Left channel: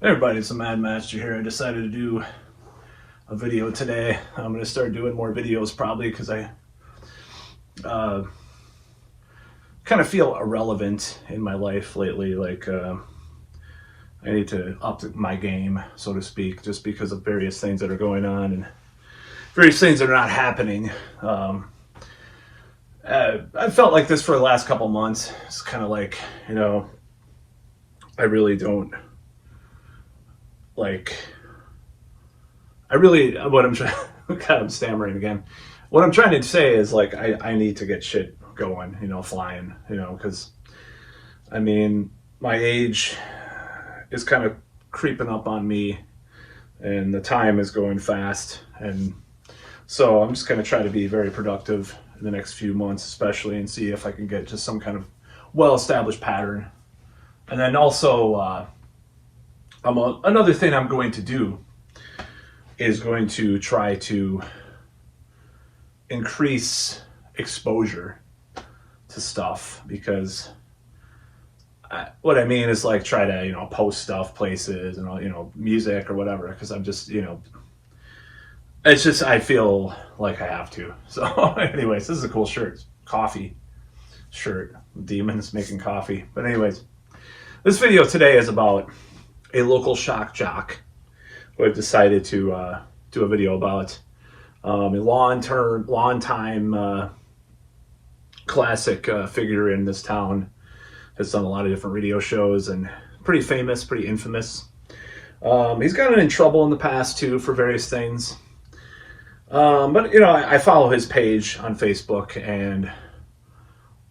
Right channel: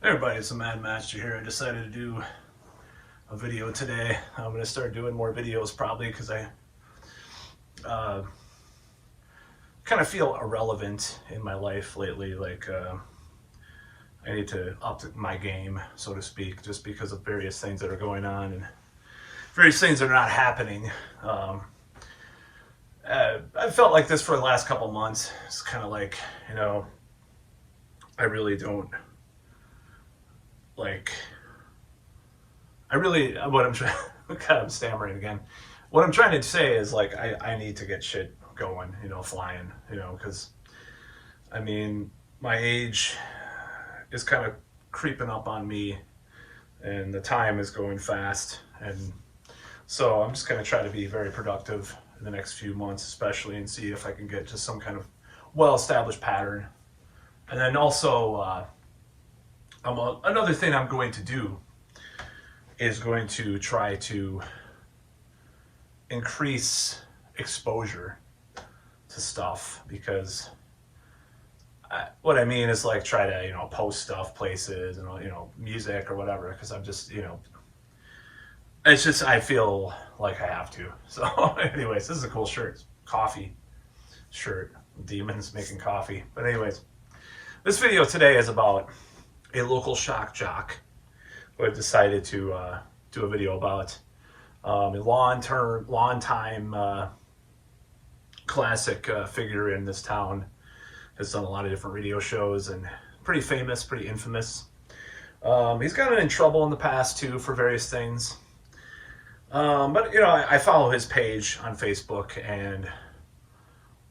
Hey everybody, it's the Mad Master here. I decided to do a video today. I'm going to start doing more videos probably because I kind of feel irrelevant in my life lately. I need to up my game, so to speak, just because of various things that are going on and various things that are not happening. I felt like this for the last couple months. It's kind of like, I really don't like what I'm trying. God, I'm stammering again. What I'm trying to say is like I need to get shit going, flying, because I mean my age is kind of creeping up on me, and the time is going fast, and so I'm just gonna try to be very productive in the next few months, especially, and see if I can get just some kind of well-established pattern, and then also. Another thing I'm going to do is going to try to increase exposure to stuff, because what I mean is like try to post stuff places and music or whatever, because I'm just it's just I feel like I have to. So anyways, this is a cool shirt. It's coffee shirt, demons making coffee. But anyways, this video today is about a local shock jock who I've decided to do a video about. A long time classic figure in this town. Has done a lot of different radio shows and pretty famous, pretty infamous. He's gotten in trouble in the past too for various things. But I follow his page on Facebook, and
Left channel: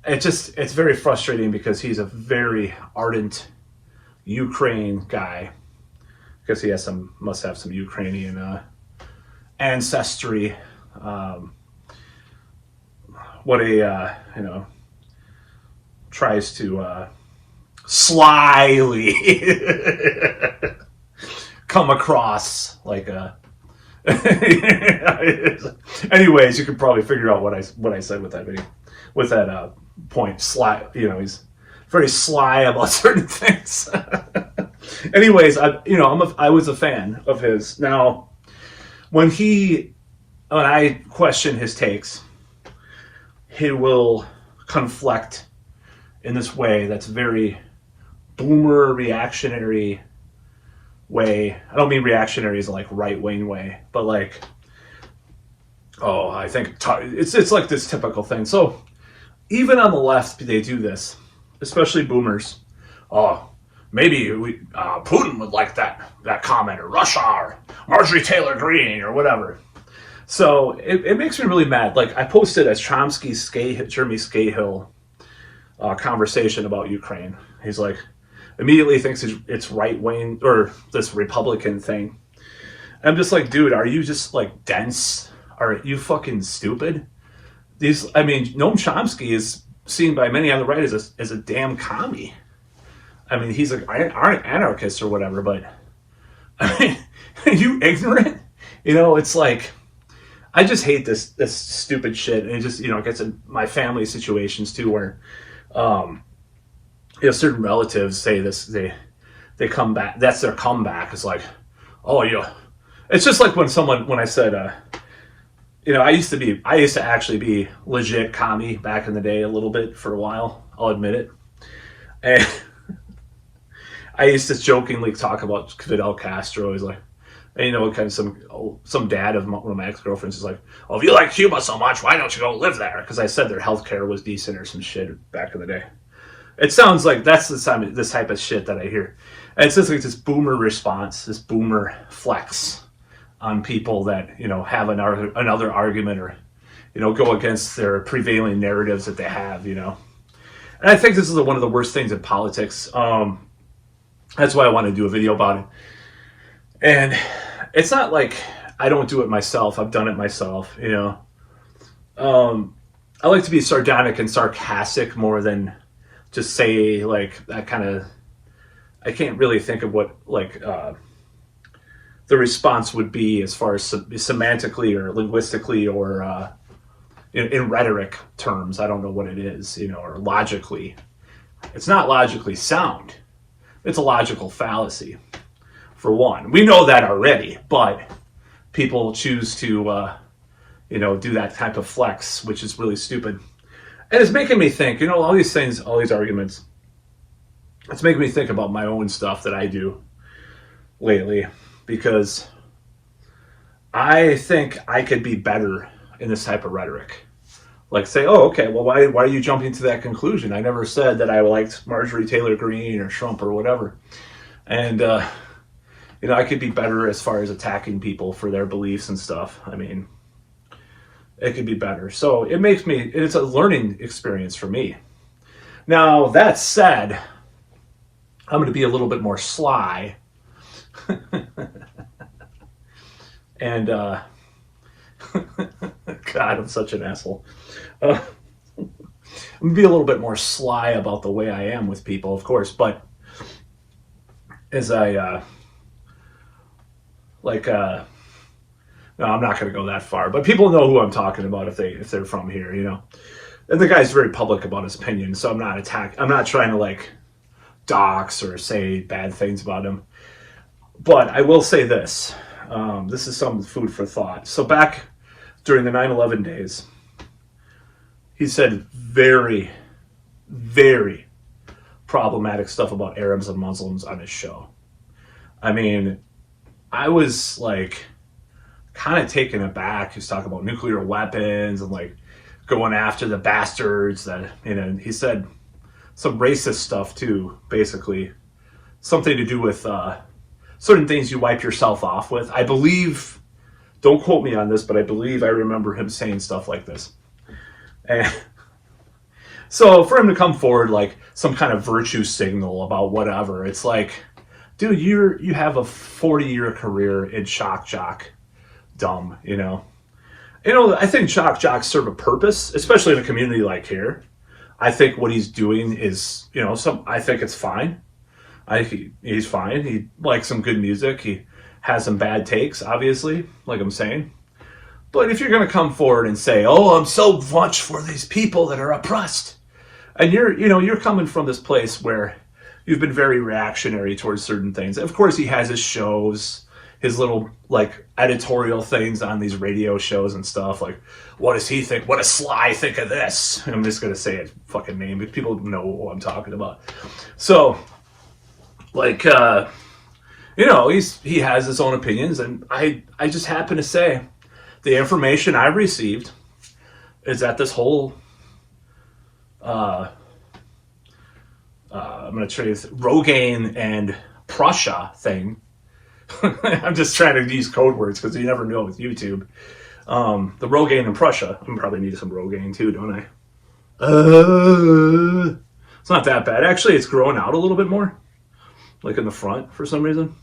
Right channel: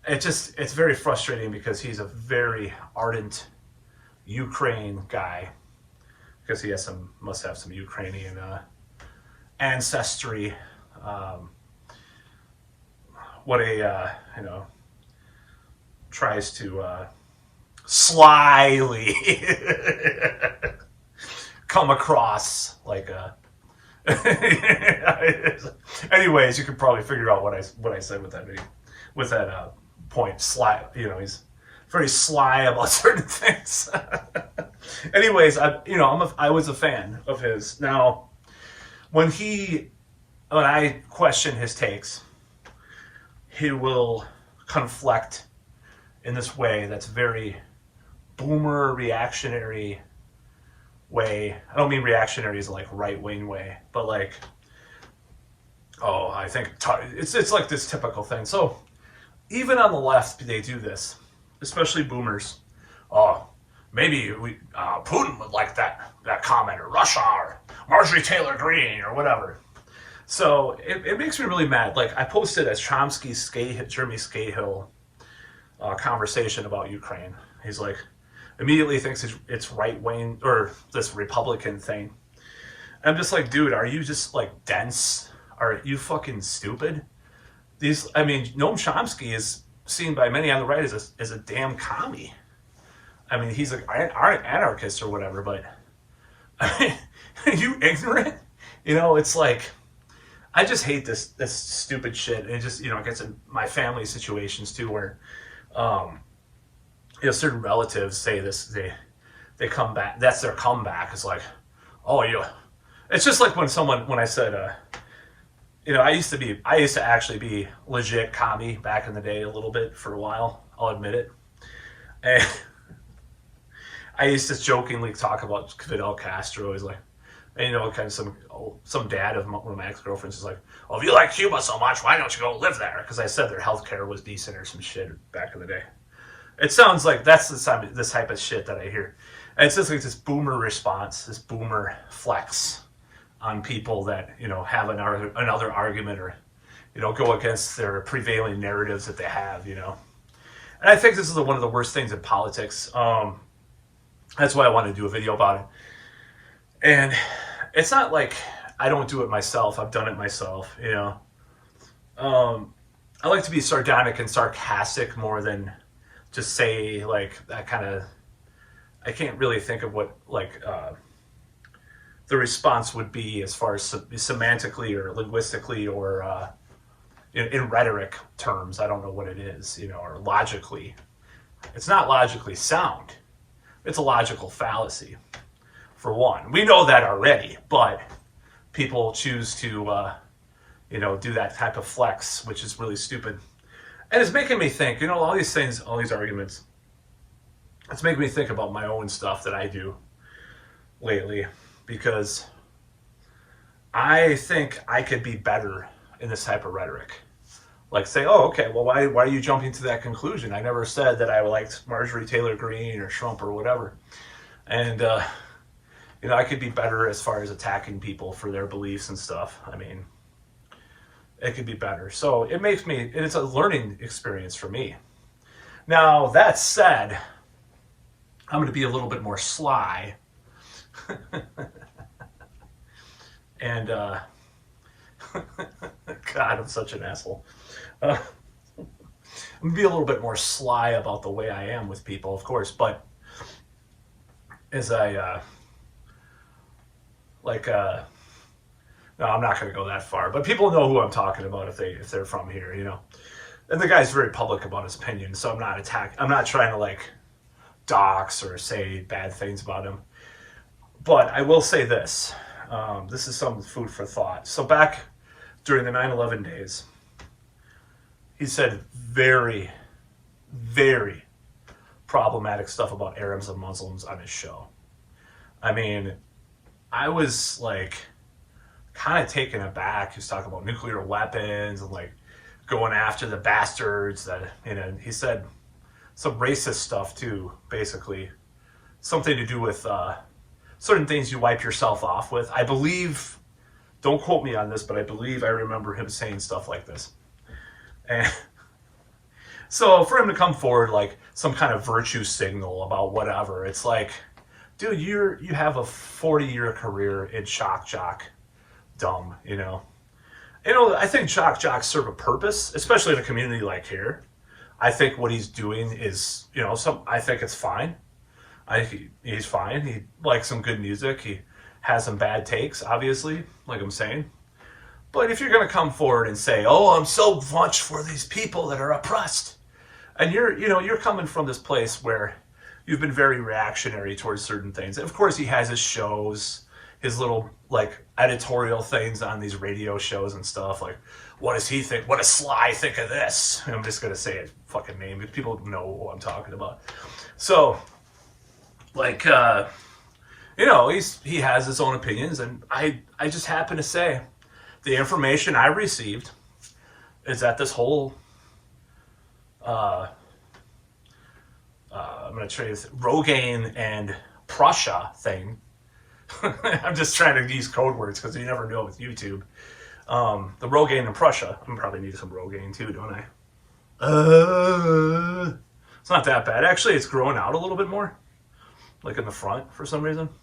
it's very frustrating because he's a very ardent Ukraine guy, because he must have some Ukrainian ancestry. Tries to slyly come across like a. Anyways, you could probably figure out what I said with that video, with that point. Sly, he's very sly about certain things. Anyways, I was a fan of his. Now, when I question his takes, he will conflict in this way that's very boomer reactionary way. I don't mean reactionary as like right wing way, but like, I think it's like this typical thing. So even on the left, they do this, especially boomers. Maybe Putin would like that comment, or Russia, or Marjorie Taylor Greene, or whatever. So it makes me really mad. Like, I posted a Jeremy Scahill conversation about Ukraine. He's like, immediately thinks it's right wing, or this Republican thing. I'm just like, dude, are you just like dense? Are you fucking stupid? Noam Chomsky is seen by many on the right as a damn commie. I mean, he's like an anarchist or whatever, but I mean, are you ignorant? It's like, I just hate this stupid shit, and it just gets in my family situations too, where certain relatives say this, they come back. That's their comeback. It's like, it's just like when I said, I used to actually be legit commie back in the day a little bit for a while. I'll admit it. And I used to jokingly talk about Fidel Castro. He's like, and kind of some dad of one of my ex-girlfriends is like, if you like Cuba so much, why don't you go live there? Because I said their healthcare was decent or some shit back in the day. It sounds like that's this type of shit that I hear. And it's just like this boomer response, this boomer flex on people that, have another argument, or, go against their prevailing narratives that they have, And I think this is one of the worst things in politics. That's why I want to do a video about it. And it's not like I don't do it myself. I've done it myself, I like to be sardonic and sarcastic more than just say like that kind of. I can't really think of what the response would be as far as semantically or linguistically, or in rhetoric terms. I don't know what it is, or logically. It's not logically sound. It's a logical fallacy. for one. We know that already, but people choose to, do that type of flex, which is really stupid. And it's making me think, all these things, all these arguments, it's making me think about my own stuff that I do lately, because I think I could be better in this type of rhetoric. Like say, oh, okay, well, why are you jumping to that conclusion? I never said that I liked Marjorie Taylor Greene or Trump or whatever. And, I could be better as far as attacking people for their beliefs and stuff. I mean, it could be better. So it's a learning experience for me. Now, that said, I'm going to be a little bit more sly. And, God, I'm such an asshole. I'm going to be a little bit more sly about the way I am with people, of course, but as I, no, I'm not going to go that far, but people know who I'm talking about if they're from here, And the guy's very public about his opinion, so I'm not trying to dox or say bad things about him. But I will say this. This is some food for thought. So back during the 9/11 days, he said very, very problematic stuff about Arabs and Muslims on his show. I mean, I was kind of taken aback. He was talking about nuclear weapons and going after the bastards that, he said some racist stuff too, basically. Something to do with certain things you wipe yourself off with. I believe, don't quote me on this, but I believe I remember him saying stuff like this. And so for him to come forward some kind of virtue signal about whatever, it's dude, you have a 40-year career in shock jock dumb, I think shock jocks serve a purpose, especially in a community like here. I think what he's doing is, I think it's fine. He's fine. He likes some good music. He has some bad takes, obviously, like I'm saying. But if you're going to come forward and say, oh, I'm so much for these people that are oppressed, and you're coming from this place where you've been very reactionary towards certain things. Of course, he has his shows, his little editorial things on these radio shows and stuff. What does he think? What does Sly think of this? I'm just going to say his fucking name because people know what I'm talking about. So, he has his own opinions, and I just happen to say the information I received is that this whole I'm going to try this Rogaine and Prussia thing. I'm just trying to use code words because you never know with YouTube. The Rogaine and Prussia. I probably need some Rogaine too, don't I? It's not that bad. Actually, it's growing out a little bit more. In the front for some reason.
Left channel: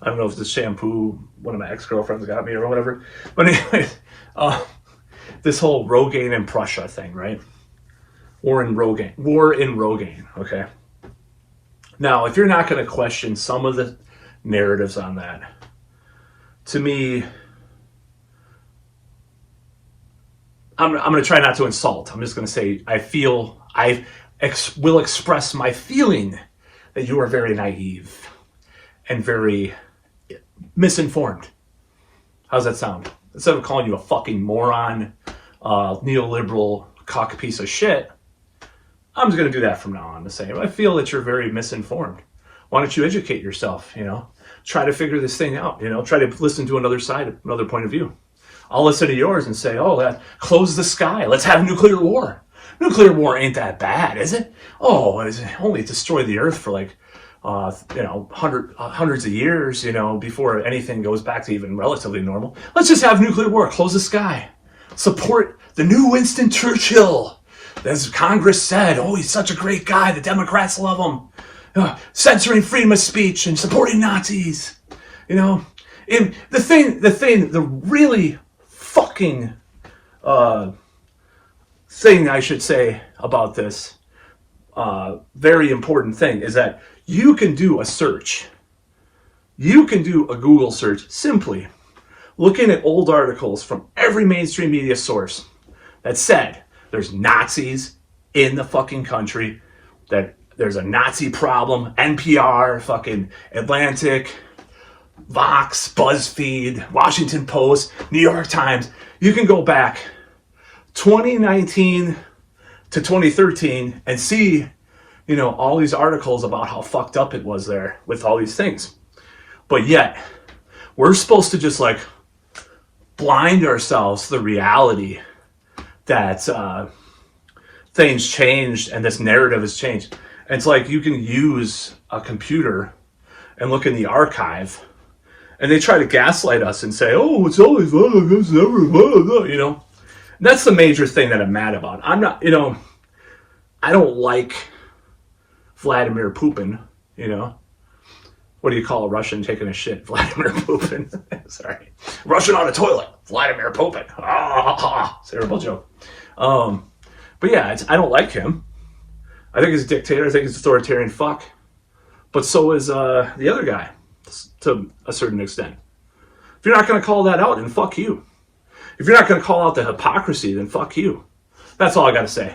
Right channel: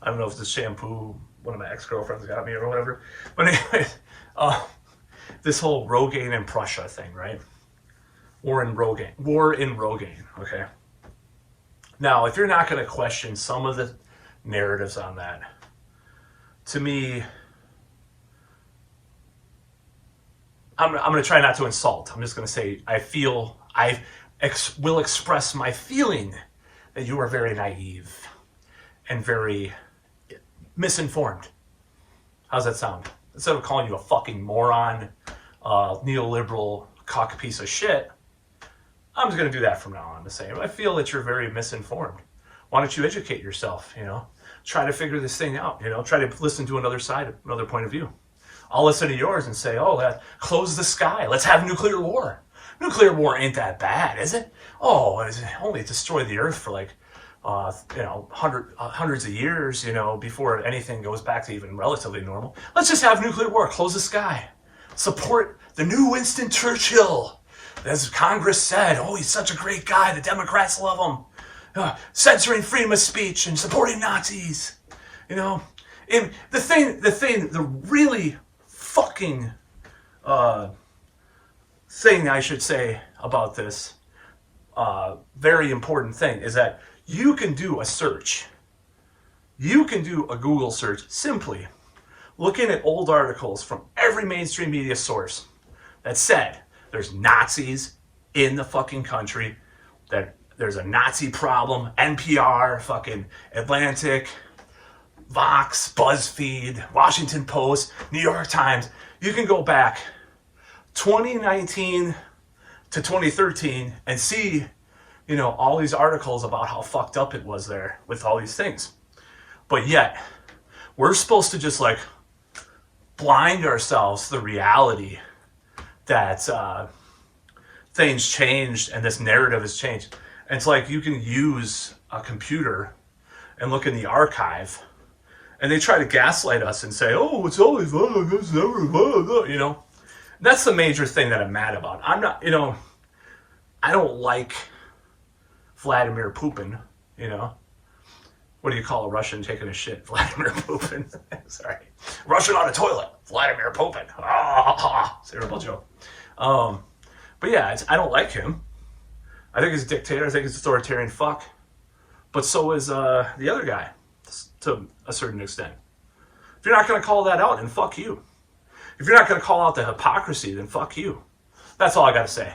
I don't know if it's the shampoo one of my ex-girlfriends got me or whatever. But anyway, this whole Rogaine and Prussia thing, right? War in Rogaine, okay? Now, if you're not going to question some of the narratives on that, to me, I'm going to try not to insult. I'm just going to say I will express my feeling that you are very naive and very misinformed. How's that sound? Instead of calling you a fucking moron, neoliberal cock piece of shit, I'm just going to do that from now on. The same. I feel that you're very misinformed. Why don't you educate yourself? Try to figure this thing out. Try to listen to another side, another point of view. I'll listen to yours and say, close the sky. Let's have nuclear war. Nuclear war ain't that bad, is it? Oh, it's only destroy the earth for hundreds of years, before anything goes back to even relatively normal. Let's just have nuclear war. Close the sky. Support the new Winston Churchill. As Congress said, oh, he's such a great guy. The Democrats love him. Censoring freedom of speech and supporting Nazis. The really fucking thing I should say about this very important thing is that you can do a search. You can do a Google search simply looking at old articles from every mainstream media source that said there's Nazis in the fucking country, that there's a Nazi problem, NPR, fucking Atlantic, Vox, BuzzFeed, Washington Post, New York Times. You can go back 2019 to 2013 and see, all these articles about how fucked up it was there with all these things. But yet, we're supposed to just like blind ourselves to the reality that things changed and this narrative has changed. And it's like you can use a computer and look in the archive, and they try to gaslight us and say, "Oh, it's always it's never." That's the major thing that I'm mad about. I'm not, I don't like Vladimir Putin. What do you call a Russian taking a shit? Vladimir Putin. Sorry, Russian on a toilet. Vladimir Putin. Terrible joke. But yeah, I don't like him. I think he's a dictator. I think he's an authoritarian fuck. But so is the other guy, to a certain extent. If you're not going to call that out, then fuck you. If you're not going to call out the hypocrisy, then fuck you. That's all I got to say.